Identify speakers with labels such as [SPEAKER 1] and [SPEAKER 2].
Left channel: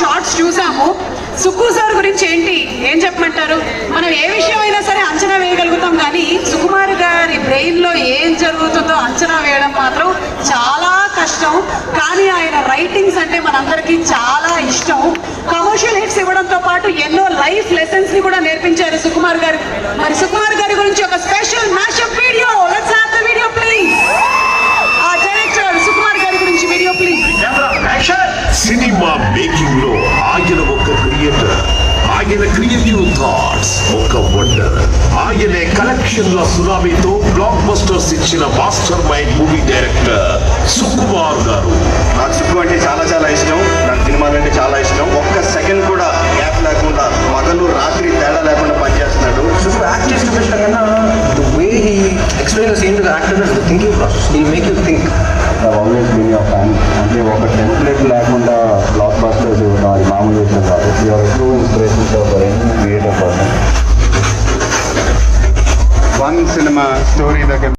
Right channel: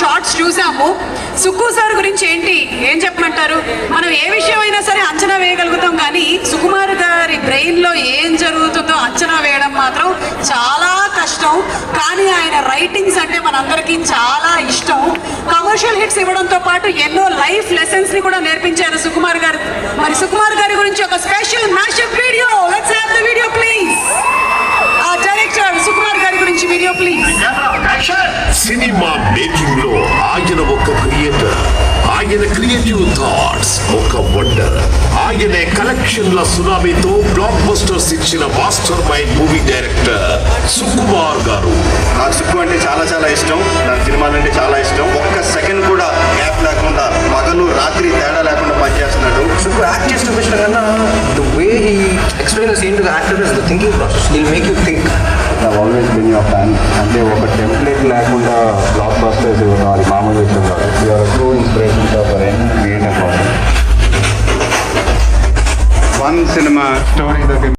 [SPEAKER 1] Shorts చూసాము. Sukku sir గురించి ఏంటి? ఏం చెప్పమంటారు? మనం ఏ విషయమైనా సరే అంచనా వేయగలుగుతాం కానీ సుకుమార్ గారి బ్రెయిన్లో ఏం జరుగుతుందో అంచనా వేయడం మాత్రం చాలా కష్టం. కానీ ఆయన రైటింగ్స్ అంటే మనందరికీ చాలా ఇష్టం. కమర్షియల్ హిట్స్ ఇవ్వడంతో పాటు ఎన్నో లైఫ్ లెసన్స్ని కూడా
[SPEAKER 2] సినిమా మేకింగ్లో ఆయన ఒక క్రియేటర్ ఆయన క్రియేటివ్ థాట్స్ ఒక వండర్. ఆయనే కలెక్షన్ల సునామీతో బ్లాక్ బస్టర్స్ ఇచ్చిన mastermind movie director Sukumar గారు.
[SPEAKER 3] నాకు సుక్కు అంటే చాలా చాలా ఇష్టం. నాకు సినిమాలు అంటే చాలా ఇష్టం. ఒక్క సెకండ్ కూడా గ్యాప్ లేకుండా పగలు రాత్రి తేడా లేకుండా పనిచేస్తున్నాడు.
[SPEAKER 4] So యాక్ట్ చేసిన విషయం కన్నా the way he explain the scene to the actor is the thinking process will make you think
[SPEAKER 5] always been your fan creator person one cinema story